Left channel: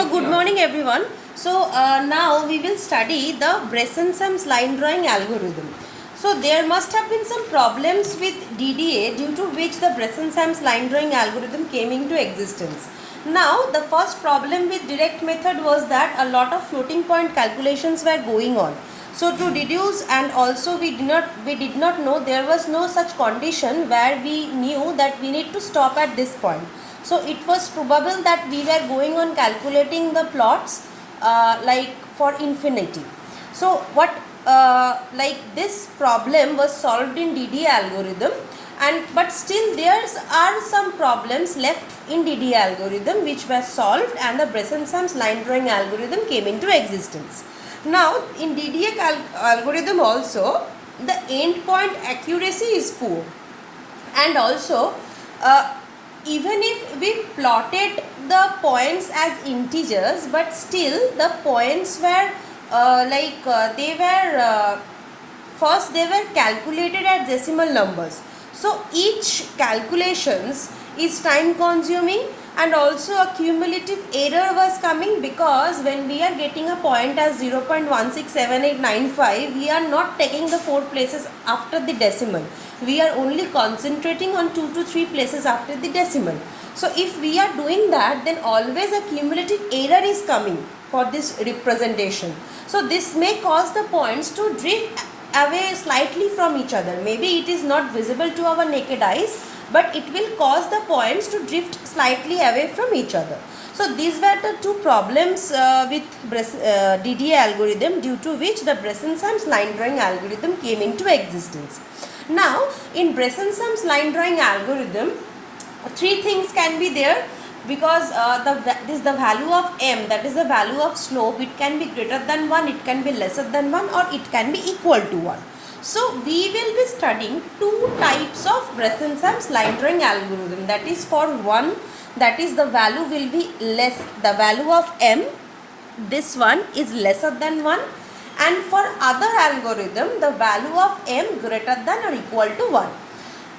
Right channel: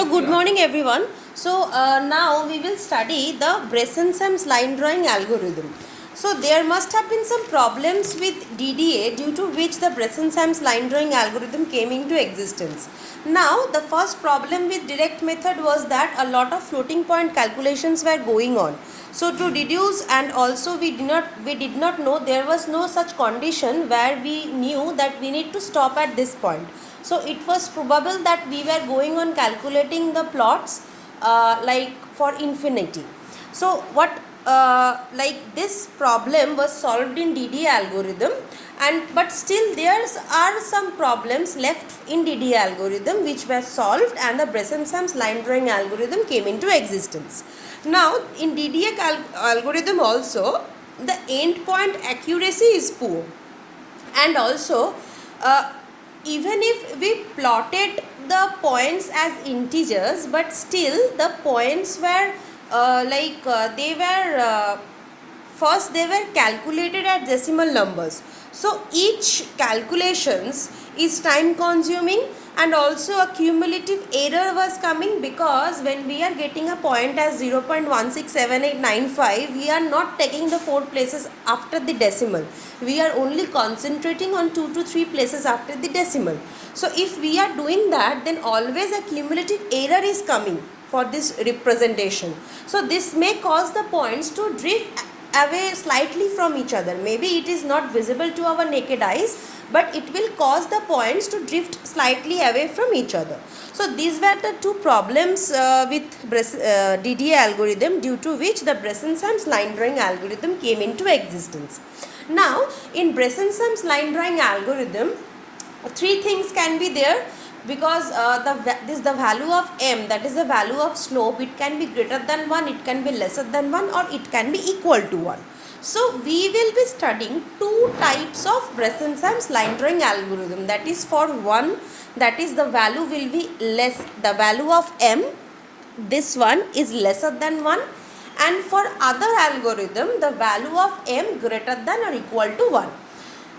So good morning everyone. Now we will study the Bresson-Sams line drawing algorithm. So there must have been some problems with DDA due to which the Bresson-Sams line drawing algorithm came into existence. Now the first problem with direct method was that a lot of floating point calculations were going on. So to deduce, and also we did not know, there was no such condition where we knew that we need to stop at this point. So it was probable that we were going on calculating the plots like for infinity. So like this problem was solved in DDA algorithm, but still there are some problems left in DDA algorithm which were solved, and the Bresson-Sams line drawing algorithm came into existence. Now in DDA algorithm also, the endpoint accuracy is poor, and also even if we plotted the points as integers, but still the points were first they were calculated at decimal numbers. So each calculations is time consuming, and also a cumulative error was coming, because when we are getting a point as 0.167895, we are not taking the 4 places after the decimal. We are only concentrating on 2 to 3 places after the decimal. So if we are doing that, then always a cumulative error is coming for this representation. So this may cause the points to drift away slightly from each other. Maybe it is not visible to our naked eyes, but it will cause the points to drift slightly away from each other. So these were the two problems with DDA algorithm, due to which the Bresson-Sams line drawing algorithm came into existence. Now in Bresson-Sams line drawing algorithm, 3 things can be there, because the value of m, that is the value of slope, it can be greater than 1, it can be lesser than 1, or it can be equal to 1. So we will be studying 2 types of Bresson-Sams line drawing algorithm. That is, for one, that is the value will be less, the value of m, this one is lesser than 1, and for other algorithm the value of m greater than or equal to 1.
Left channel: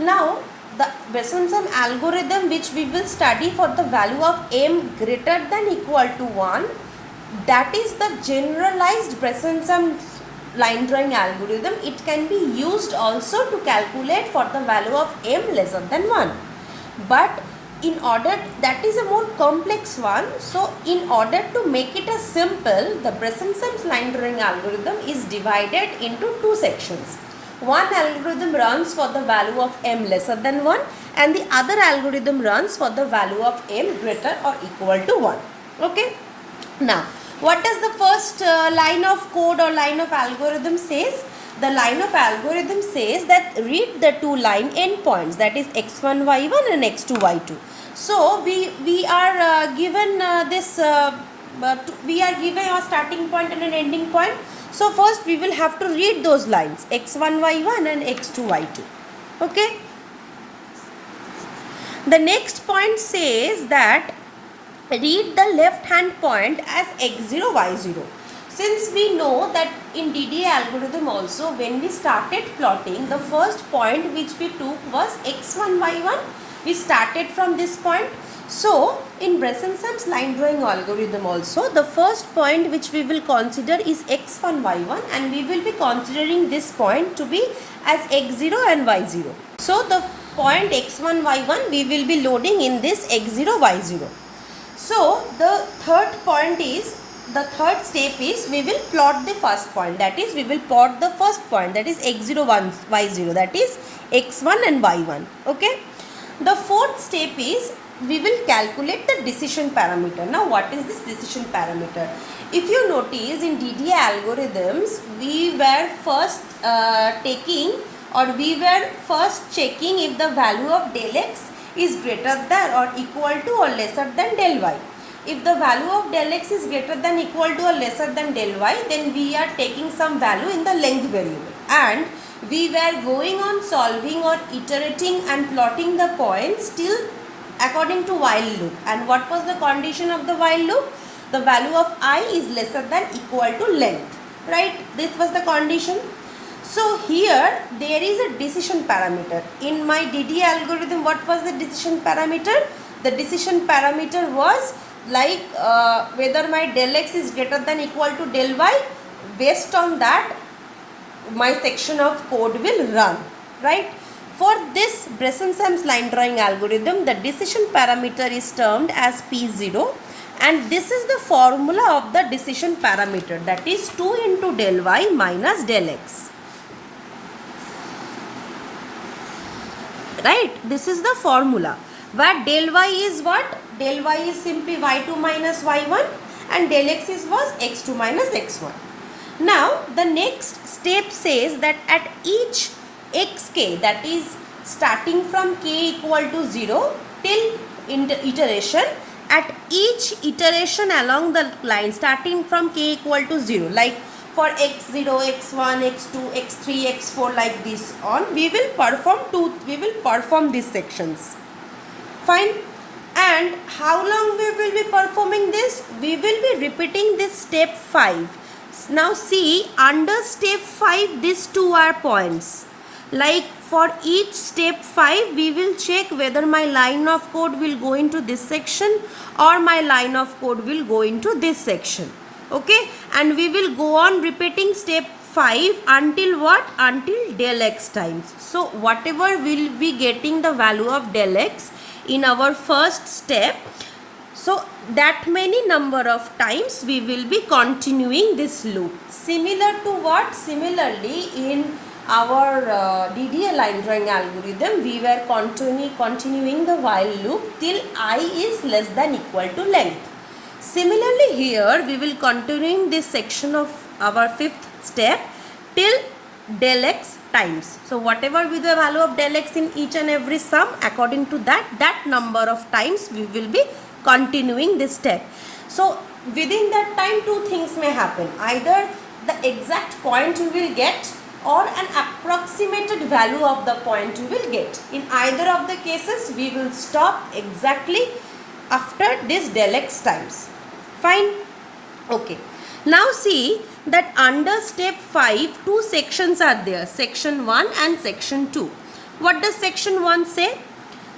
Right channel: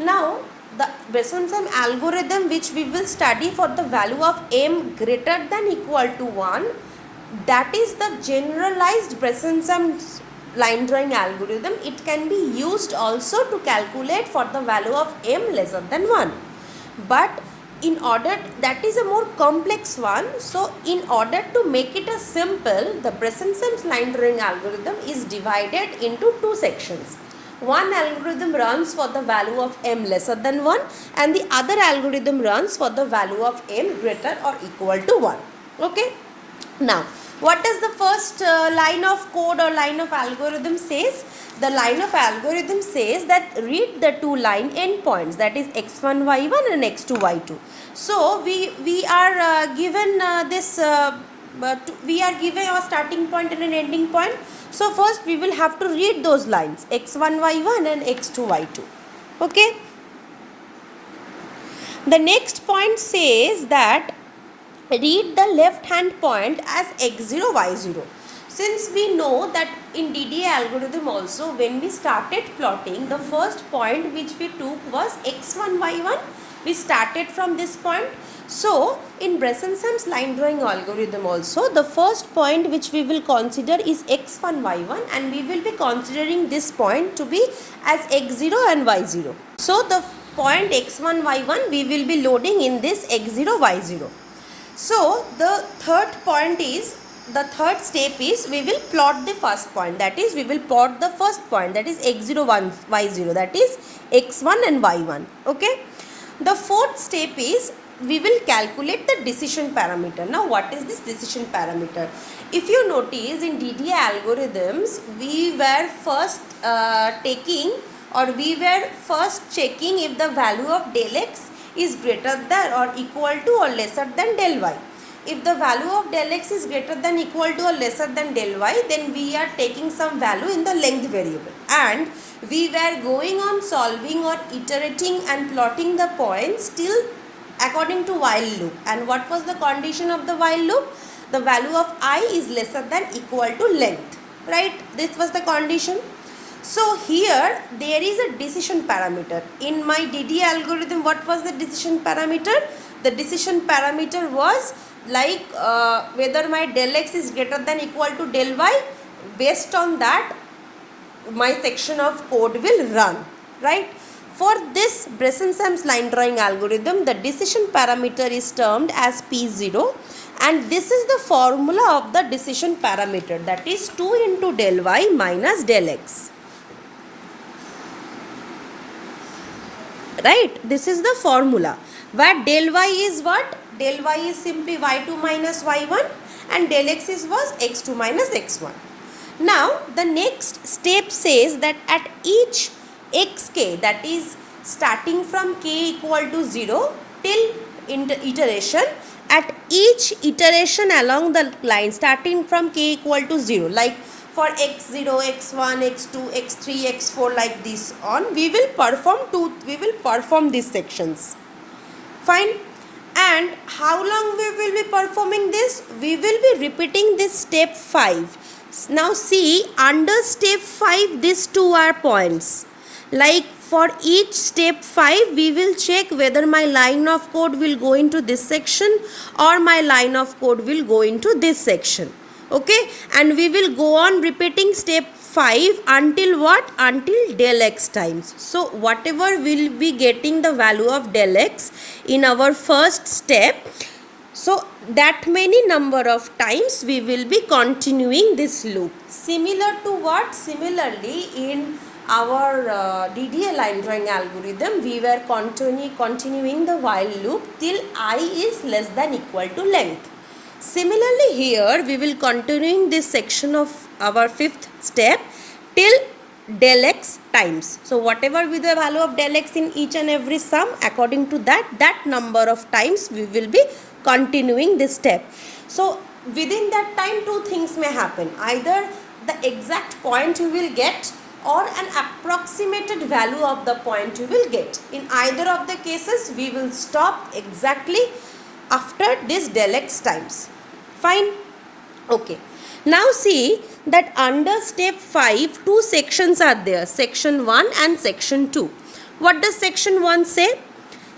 Now the Bresson-Sams algorithm which we will study for the value of m greater than equal to 1, that is the generalized Bresson-Sams line drawing algorithm. It can be used also to calculate for the value of m lesser than 1. But in order, that is a more complex one. So in order to make it a simple, the Bresson-Sams line drawing algorithm is divided into 2 sections. One algorithm runs for the value of m lesser than 1, and the other algorithm runs for the value of m greater or equal to 1. Okay. Now what does the first line of code or line of algorithm says? The line of algorithm says that read the 2 line endpoints, that is x1 y1 and x2 y2. So we are given we are given a starting point and an ending point. So first we will have to read those lines, x1 y1 and x2 y2. Okay. The next point says that read the left hand point as x0 y0. Since we know that in DDA algorithm also, when we started plotting, the first point which we took was x1 y1. We started from this point. So in Bresson-Sams line drawing algorithm also, the first point which we will consider is x1 y1, and we will be considering this point to be as x0 and y0. So the point x1 y1 we will be loading in this x0 y0. So the third step is we will plot the first point, that is we will plot the first point, that is x0 y0, that is x1 and y1. Okay. The fourth step is we will calculate the decision parameter. Now what is this decision parameter? If you notice, in DDA algorithms we were first checking if the value of del x is greater than or equal to or lesser than del y. If the value of del x is greater than equal to or lesser than del y, then we are taking some value in the length variable, and we were going on solving or iterating and plotting the points till according to while loop. And what was the condition of the while loop? The value of I is lesser than equal to length, right? This was the condition. So here there is a decision parameter. In my DDA algorithm, what was the decision parameter? The decision parameter was like whether my del x is greater than equal to del y. Based on that, my section of code will run, right? For this Bresson-Sams line drawing algorithm, the decision parameter is termed as P0, and this is the formula of the decision parameter, that is 2 into del y minus del x. Right, this is the formula where del y is what? Del y is simply y2 minus y1 and del x was x2 minus x1. Now the next step says that at each xk, that is starting from k equal to 0 till iteration, at each iteration along the line starting from k equal to 0, like for x0, x1, x2, x3, x4, like this on, we will perform these sections. Fine. And how long we will be performing this? We will be repeating this step 5. Now see, under step 5 these two are points. Like for each step 5 we will check whether my line of code will go into this section or my line of code will go into this section. Okay, and we will go on repeating step 5 until what? Until del x times. So whatever will be getting the value of del x in our first step, so that many number of times we will be continuing this loop. Similar to what? Similarly, in our DDA line drawing algorithm, we were continuing the while loop till I is less than equal to length. Similarly here, we will continuing this section of our fifth step till del x times. So whatever be the value of del x in each and every sum, according to that number of times we will be continuing this step. So within that time two things may happen. Either the exact point you will get or an approximated value of the point you will get. In either of the cases we will stop exactly after this del x times. Fine. Okay. Now see that under step 5 two sections are there, section 1 and section 2. What does section 1 say?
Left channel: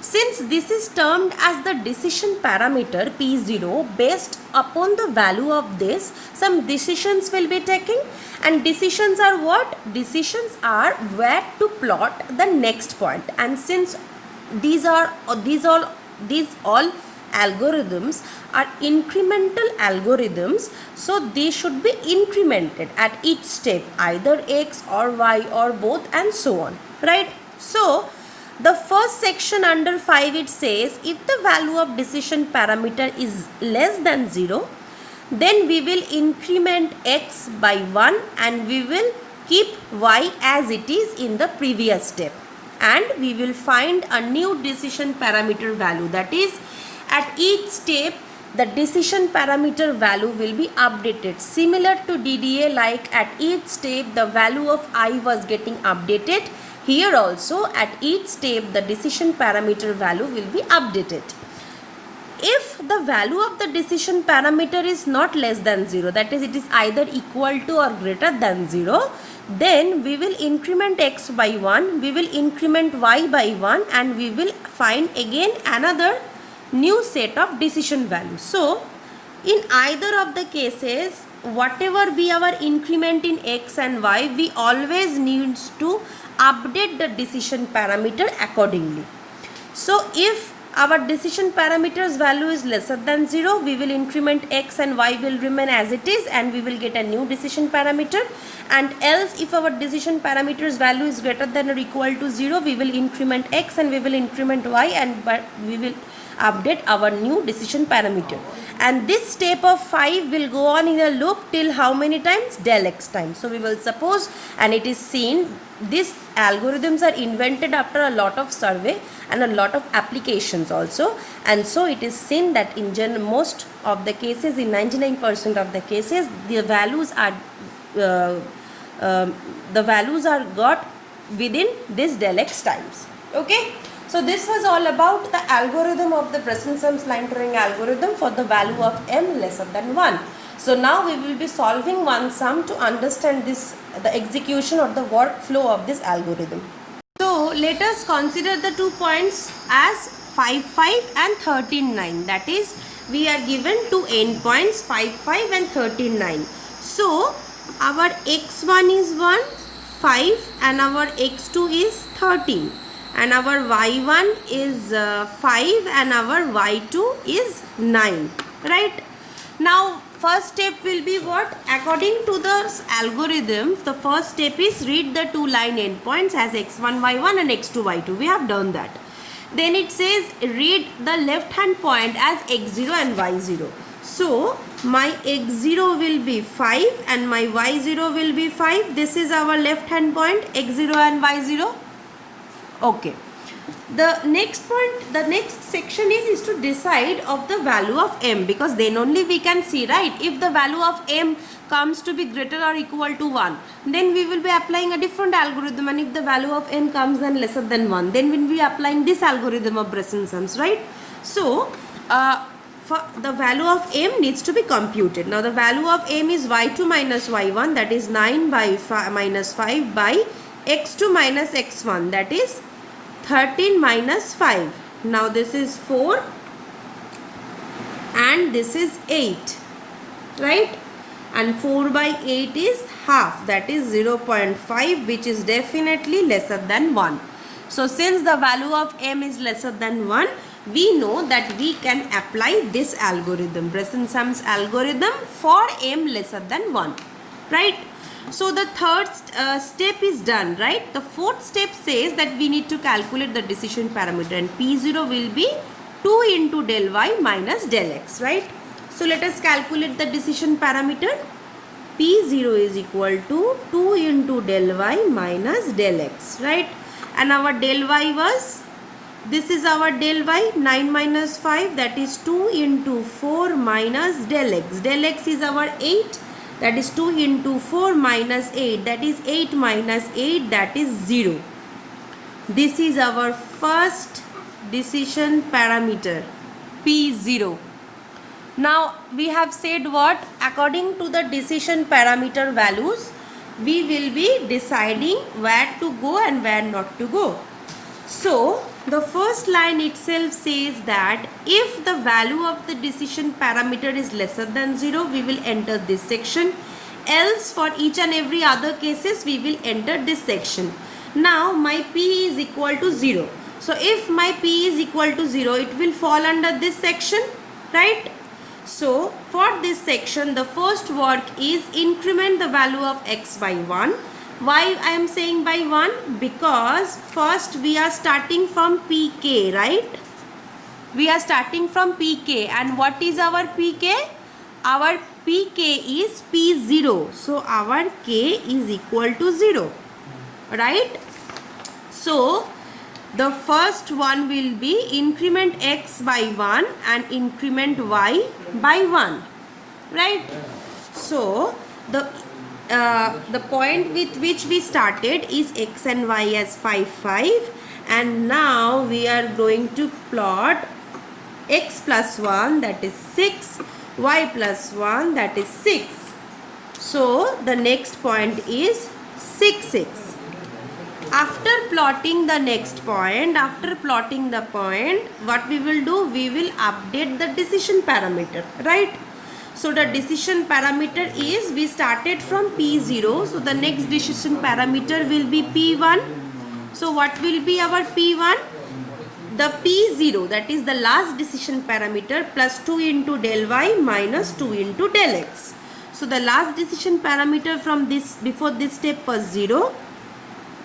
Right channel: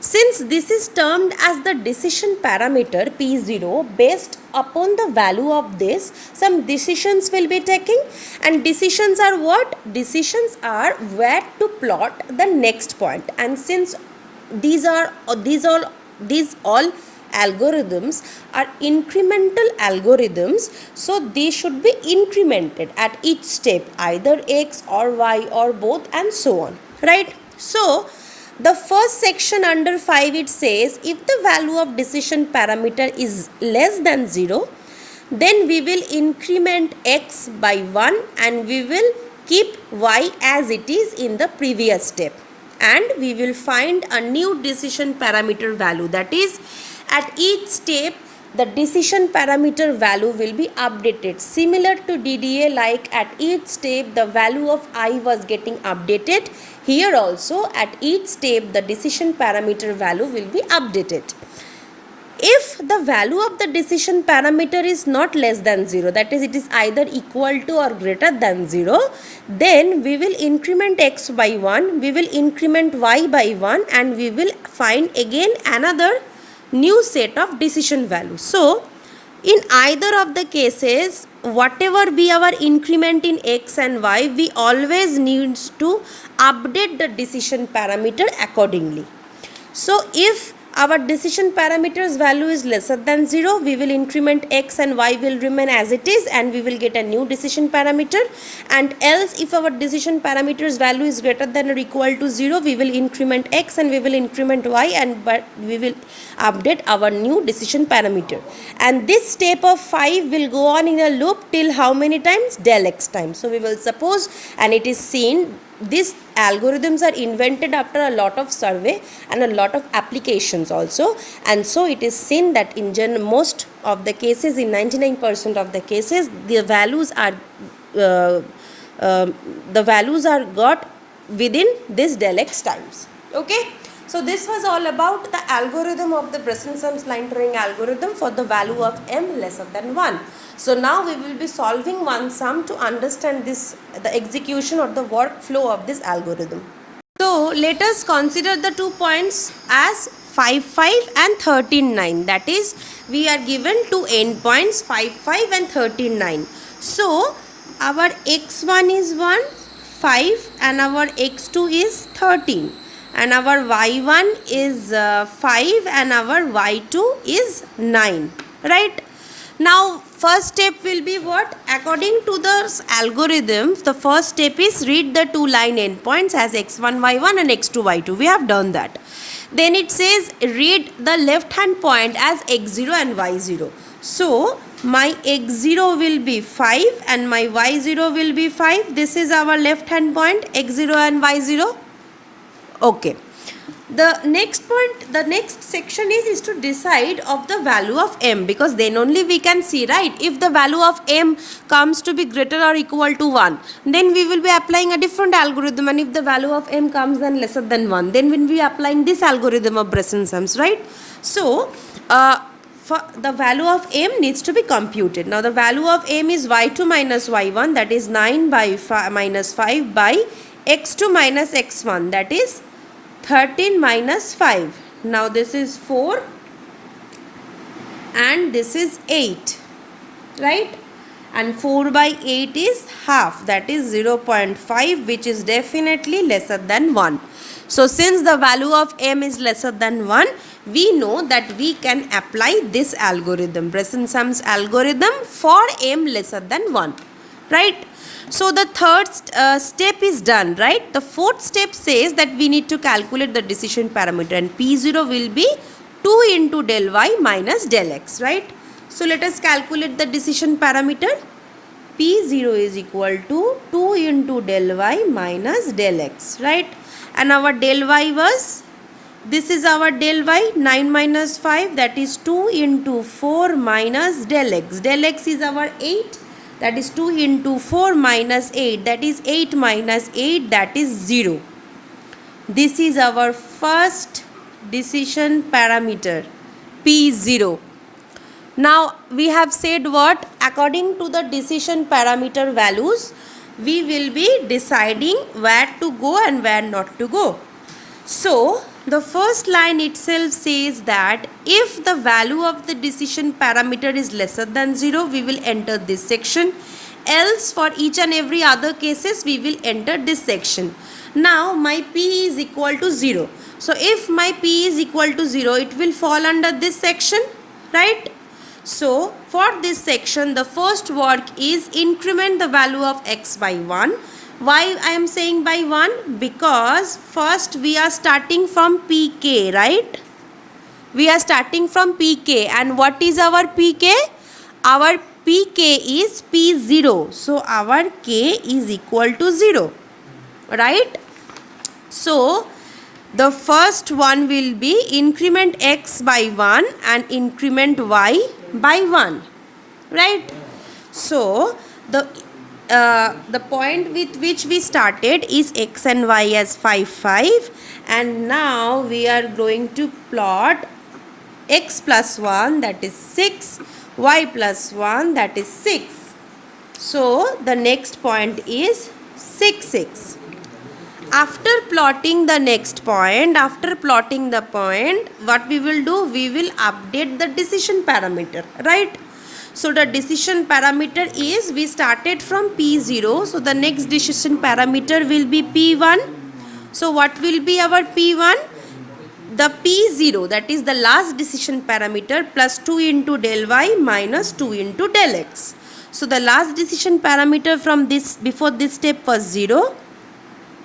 Since this is termed as the decision parameter P0, based upon the value of this, some decisions will be taken, and decisions are what? Decisions are where to plot the next point. And since these all algorithms are incremental algorithms, so they should be incremented at each step, either x or y or both, and so on, right? So the first section under 5, it says if the value of decision parameter is less than 0, then we will increment x by 1 and we will keep y as it is in the previous step, and we will find a new decision parameter value. That is, at each step the decision parameter value will be updated. Similar to DDA, like at each step the value of I was getting updated, here also at each step the decision parameter value will be updated. If the value of the decision parameter is not less than 0, that is, it is either equal to or greater than 0, then we will increment x by 1, we will increment y by 1, and we will find again another new set of decision values. So in either of the cases, whatever be our increment in x and y, we always needs to update the decision parameter accordingly. So if our decision parameters value is lesser than 0, we will increment x and y will remain as it is, and we will get a new decision parameter. And else, if our decision parameters value is greater than or equal to 0, we will increment x and we will increment y, and we will update our new decision parameter. And this step of 5 will go on in a loop till how many times? Del x times. So we will suppose, and it is seen, these algorithms are invented after a lot of survey and a lot of applications also, and so it is seen that in most of the cases, in 99% of the cases, the values are got within this del x times. Okay. So this was all about the algorithm of the Bresson-Sams line drawing algorithm for the value of m lesser than 1. So now we will be solving one sum to understand the execution of the workflow of this algorithm. So let us consider the 2 points as 5, 5 and 13, 9. That is, we are given two endpoints 5, 5 and 13, 9. So our x1 is 1, 5 and our x2 is 13 and our y1 is 5 and our y2 is 9, right? Now first step will be what? According to the algorithm, the first step is read the two line endpoints as x1 y1 and x2 y2. We have done that. Then it says read the left hand point as x0 and y0. So my x0 will be 5 and my y0 will be 5. This is our left hand point, x0 and y0. Okay. The next point, the next section is to decide of the value of m, because then only we can see, right? If the value of m comes to be greater or equal to 1, then we will be applying a different algorithm, and if the value of m comes then lesser than 1, then we will be applying this algorithm of Bresson sums, right? So for the value of m needs to be computed. Now the value of m is y2 minus y1, that is 9 by minus 5 by x2 minus x1, that is 13 minus 5. Now this is 4 and this is 8, right? And 4 by 8 is half, that is 0.5, which is definitely lesser than 1. So since the value of m is lesser than 1, we know that we can apply this algorithm, Bresson sums algorithm, for m lesser than 1, right? So the third step is done, right? The fourth step says that we need to calculate the decision parameter, and P0 will be 2 into del y minus del x, right? So let us calculate the decision parameter. P0 is equal to 2 into del y minus del x, right? And our del y was, this is our del y, 9 minus 5, that is 2 into 4 minus del x. Del x is our 8. That is 2 into 4 minus 8, that is 8 minus 8, that is 0. This is our first decision parameter, P0. Now we have said what? According to the decision parameter values, we will be deciding where to go and where not to go. So the first line itself says that if the value of the decision parameter is lesser than 0, we will enter this section. Else for each and every other cases, we will enter this section. Now my P is equal to 0. So if my P is equal to 0, it will fall under this section, right? So for this section, the first work is increment the value of x by 1. Why I am saying by 1? Because first we are starting from pk, right? We are starting from pk, and what is our pk? Our pk is p0. So our k is equal to 0, right? So the first one will be increment x by 1 and increment y by 1, right? So the point with which we started is x and y as 5, 5, and now we are going to plot x plus 1, that is 6, y plus 1, that is 6. So the next point is 6, 6. After plotting the next point, after plotting the point, what we will do? We will update the decision parameter, right? So the decision parameter is, we started from P0. So the next decision parameter will be P1. So what will be our P1? The P0, that is the last decision parameter, plus 2 into del y minus 2 into del x. So the last decision parameter from this, before this step, was 0,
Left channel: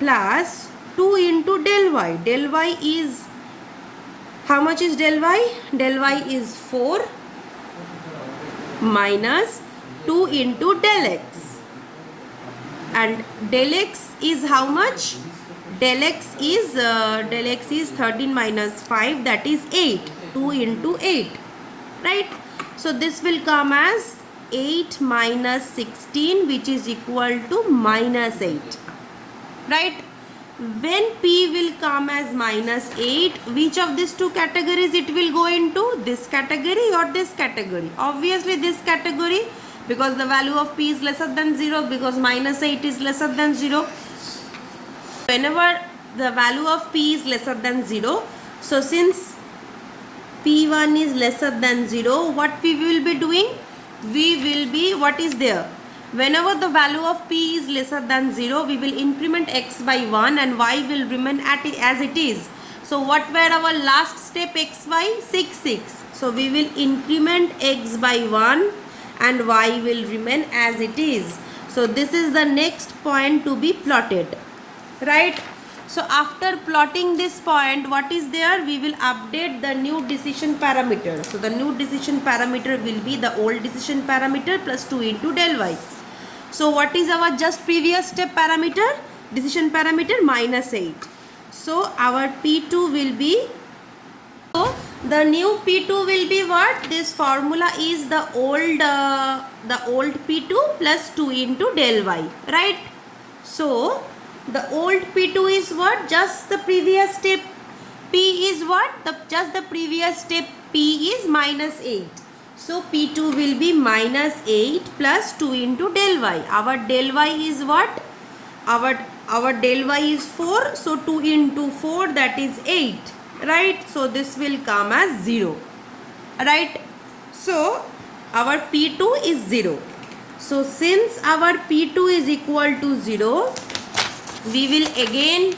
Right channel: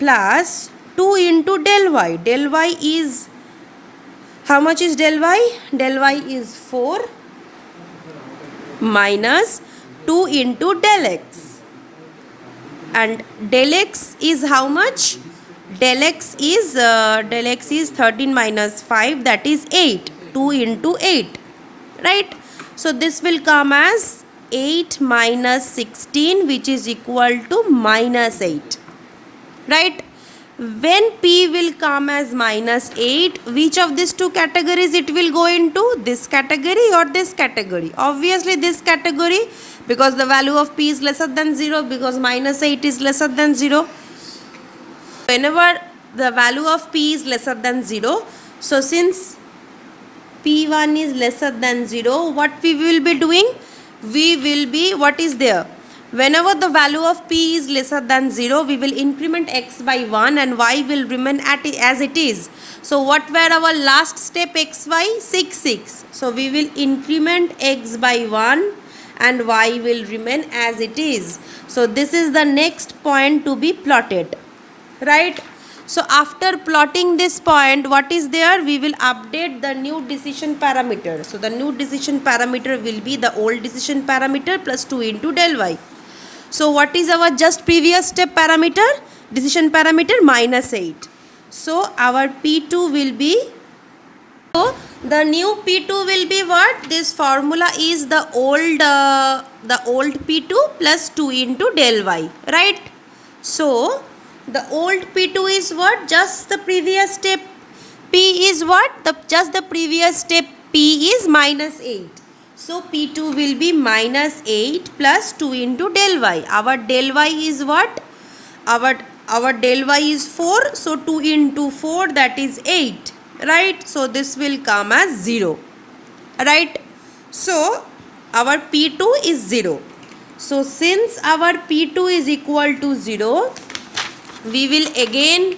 plus 2 into del y. Del y is, how much is del y? Del y is 4 minus 2 into del x. And del x is how much? Del x is 13 minus 5, that is 8. 2 into 8, right? So this will come as 8 minus 16, which is equal to minus 8, right? When P will come as minus 8, which of these two categories it will go into? This category or this category? Obviously this category, because the value of P is lesser than 0, because minus 8 is lesser than 0. Whenever the value of P is lesser than 0, so since P1 is lesser than 0, what we will be doing? We will be, what is there? Whenever the value of P is lesser than 0, we will increment x by 1 and y will remain as it is. So what were our last step xy? 6, 6. So we will increment x by 1 and y will remain as it is. So this is the next point to be plotted, right? So after plotting this point, what is there? We will update the new decision parameter. So the new decision parameter will be the old decision parameter plus 2 into del y. So what is our just previous step parameter? Decision parameter minus 8. So our P2 will be, so the new P2 will be what? This formula is the old P2 plus 2 into del y, right? So the old P2 is what? Just the previous step. P is what? Just the previous step. P is minus 8. So P2 will be minus 8 plus 2 into del y. Our del y is what? Our del y is 4. So 2 into 4, that is 8. Right? So this will come as 0. Right? So our P2 is 0. So since our P2 is equal to 0, we will again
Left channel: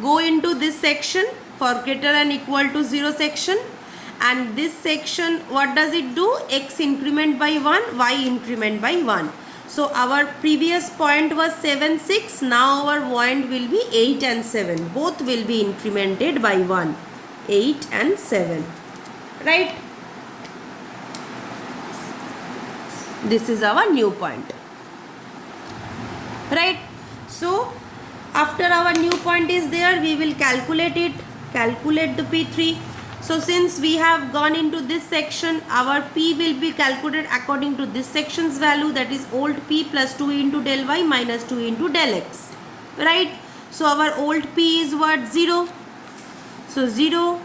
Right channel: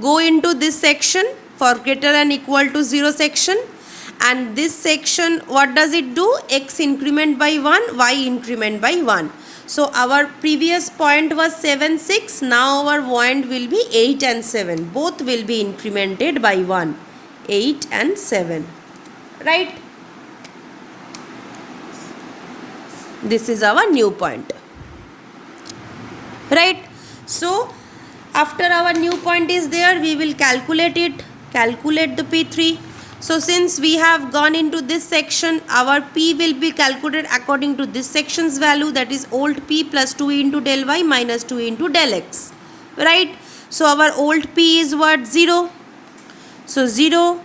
go into this section for greater than equal to 0 section. And this section, what does it do? X increment by 1, y increment by 1. So our previous point was 7, 6. Now our point will be 8 and 7. Both will be incremented by 1. 8 and 7. Right? This is our new point. Right? So after our new point is there, we will calculate it. Calculate the P3. So since we have gone into this section, our P will be calculated according to this section's value, that is old P plus 2 into del y minus 2 into del x. Right? So our old P is what? 0. So 0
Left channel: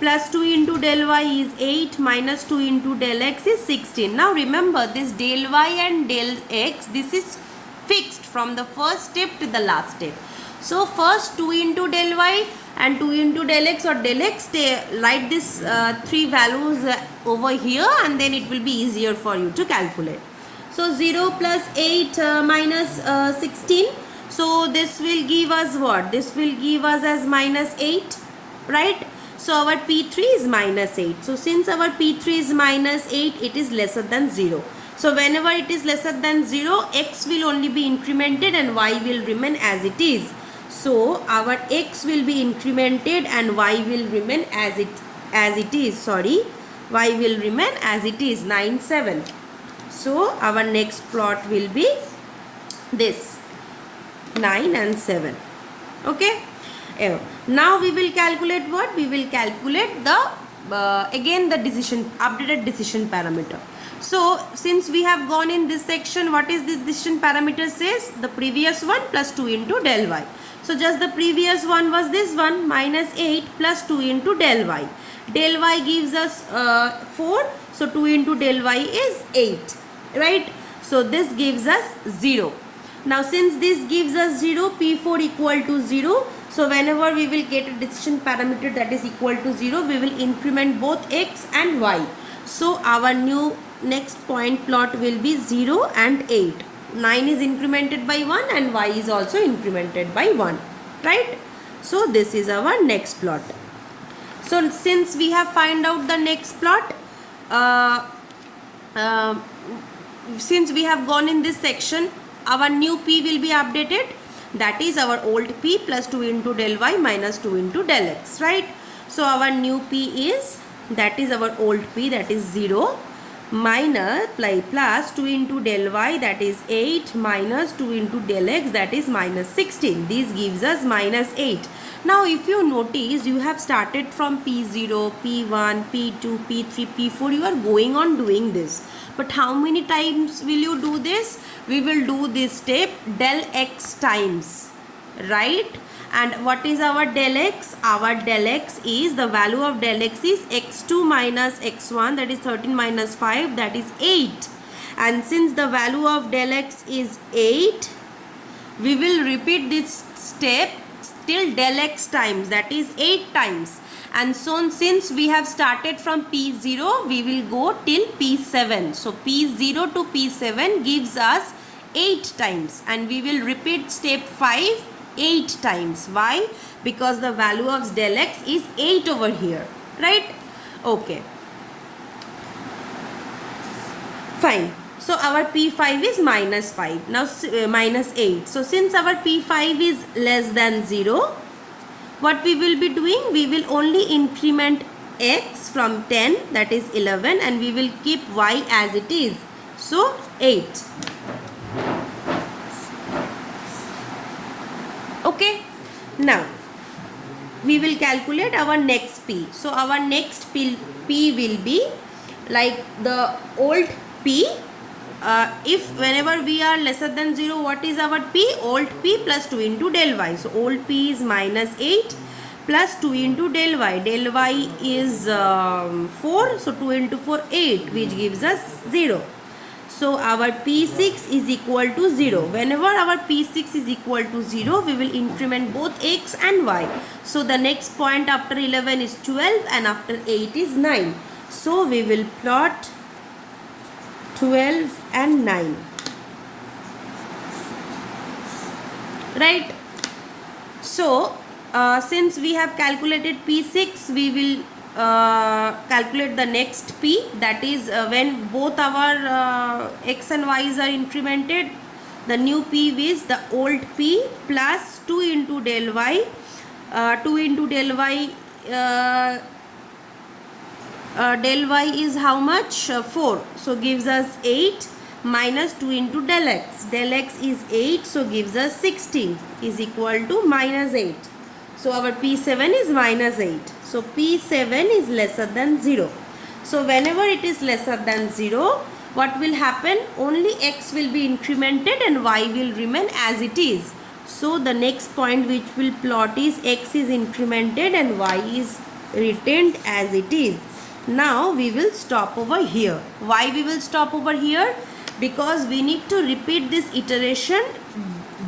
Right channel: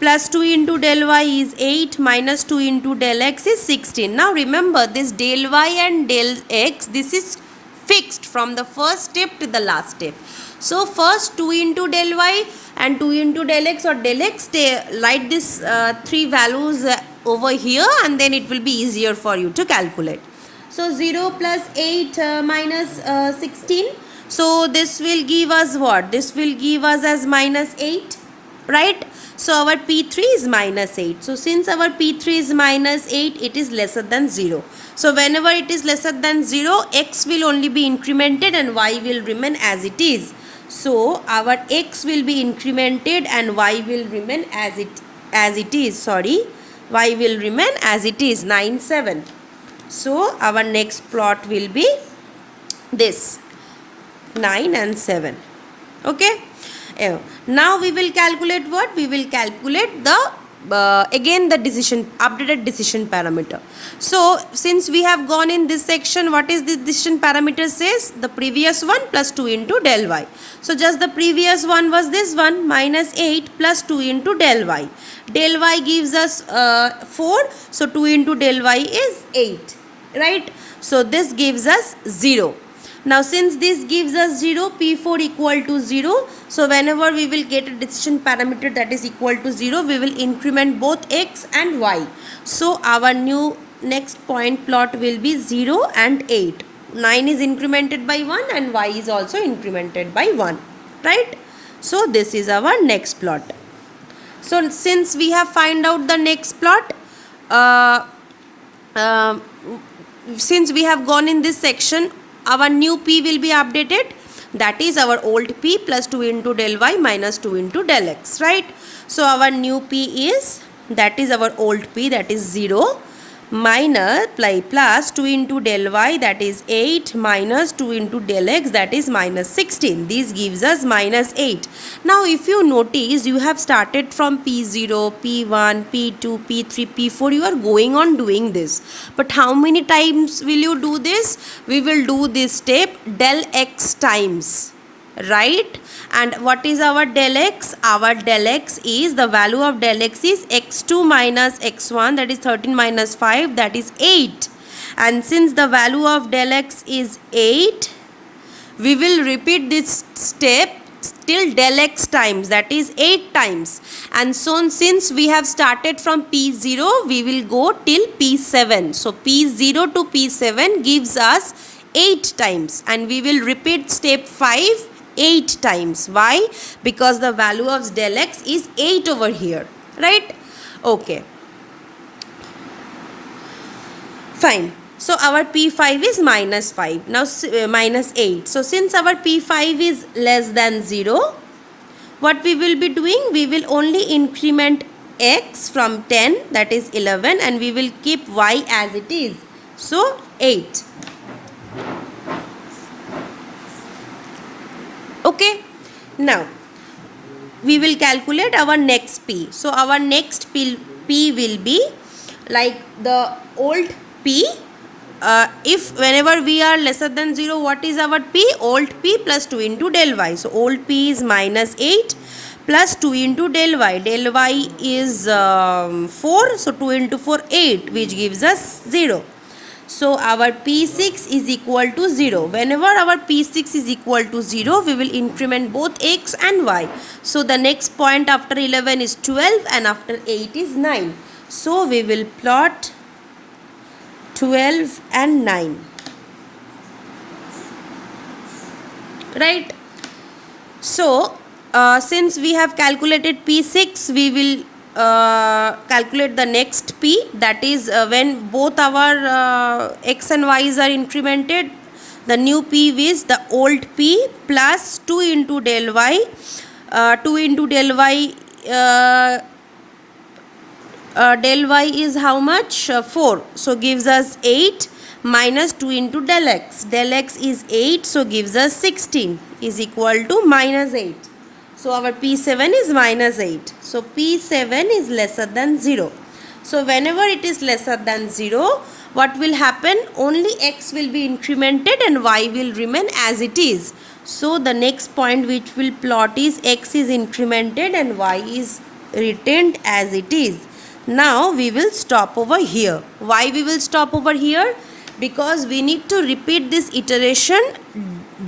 plus 2 into del y is 8 minus 2 into del x is 16. Now remember, this del y and del x, this is fixed from the first step to the last step. So first 2 into del y and 2 into del x or del x, write this three values over here and then it will be easier for you to calculate. So 0 plus 8 minus 16. So this will give us what? This will give us as minus 8, right? So our P3 is minus 8. So since our P3 is minus 8, it is lesser than 0. So whenever it is lesser than 0, x will only be incremented and y will remain as it is. So our x will be incremented and y will remain as it is. Sorry, y will remain as it is, 9, 7. So our next plot will be this, 9 and 7. Okay. Now we will calculate what? We will calculate the again the updated decision parameter. So since we have gone in this section, what is the decision parameter says? The previous one plus 2 into del y. So just the previous one was this one, minus 8 plus 2 into del y. Del y gives us 4. So 2 into del y is 8. Right? So this gives us 0. Now since this gives us 0, P4 equal to 0. So whenever we will get a decision parameter that is equal to 0, we will increment both x and y. So our new next point plot will be 0 and 8. 9 is incremented by 1 and y is also incremented by 1. Right? So this is our next plot. So since we have find out the next plot, since we have gone in this section, our new P will be updated, that is our old P plus 2 into del y minus 2 into del x, right? So our new P is, that is our old P, that is 0, minus plus 2 into del y, that is 8, minus 2 into del x, that is minus 16. This gives us minus 8. Now if you notice, you have started from P0, P1, P2, P3, P4. You are going on doing this. But how many times will you do this? We will do this step del x times. Right? And what is our del x? Our del x is, the value of del x is x2 minus x1, that is 13 minus 5, that is 8. And since the value of del x is 8, we will repeat this step till del x times, that is 8 times. And so since we have started from P0, we will go till P7. So P0 to P7 gives us 8 times, and we will repeat step 5 8 times. Why? Because the value of del x is 8 over here, right? Okay. Fine. So our P5 is minus 5. Now minus 8. So since our P5 is less than 0, what we will be doing? We will only increment x from 10, that is 11, and we will keep y as it is. So 8. Okay. Now we will calculate our next P. So our next P will be like the old P. If whenever we are lesser than 0, what is our P? Old P plus 2 into del y. So old P is minus 8 plus 2 into del y. Del y is 4. So 2 into 4, 8, which gives us 0. So our P6 is equal to 0. Whenever our P6 is equal to 0, we will increment both x and y. So the next point after 11 is 12 and after 8 is 9. So we will plot 12 and 9. Right? So since we have calculated P6, we will calculate the next P, that is when both our x and y's are incremented, the new P is the old P plus 2 into del y. 2 into del y, del y is how much? 4. So gives us 8 minus 2 into del x. Del x is 8, so gives us 16 is equal to minus 8. So our P7 is minus 8. So P7 is lesser than 0. So whenever it is lesser than 0, what will happen? Only x will be incremented and y will remain as it is. So the next point which will plot is x is incremented and y is retained as it is. Now we will stop over here. Why we will stop over here? Because we need to repeat this iteration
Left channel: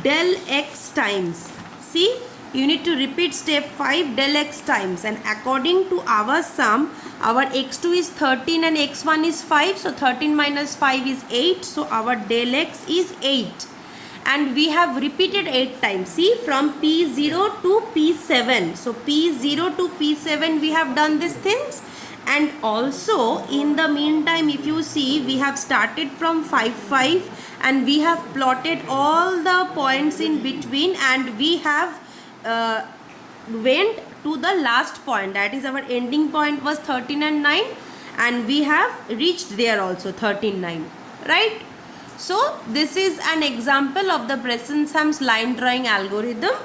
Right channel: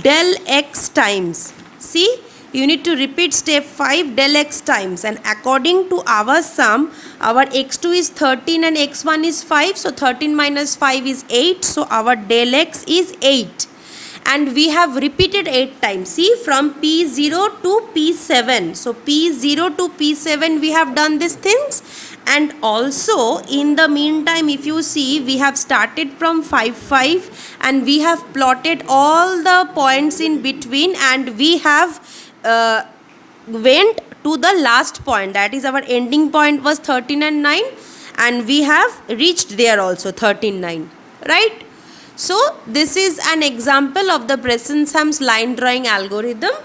del x times. See? You need to repeat step 5 del x times, and according to our sum, our x2 is 13 and x1 is 5. So 13 minus 5 is 8. So our del x is 8. And we have repeated 8 times. See, from P0 to P7. So P0 to P7 we have done these things. And also in the meantime, if you see, we have started from 5 5 and we have plotted all the points in between, and we have went to the last point, that is our ending point was 13 and 9, and we have reached there also 13 9, right? So this is an example of the Bresson-Sams line drawing algorithm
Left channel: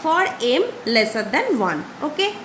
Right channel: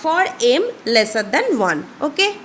for m lesser than 1. Okay.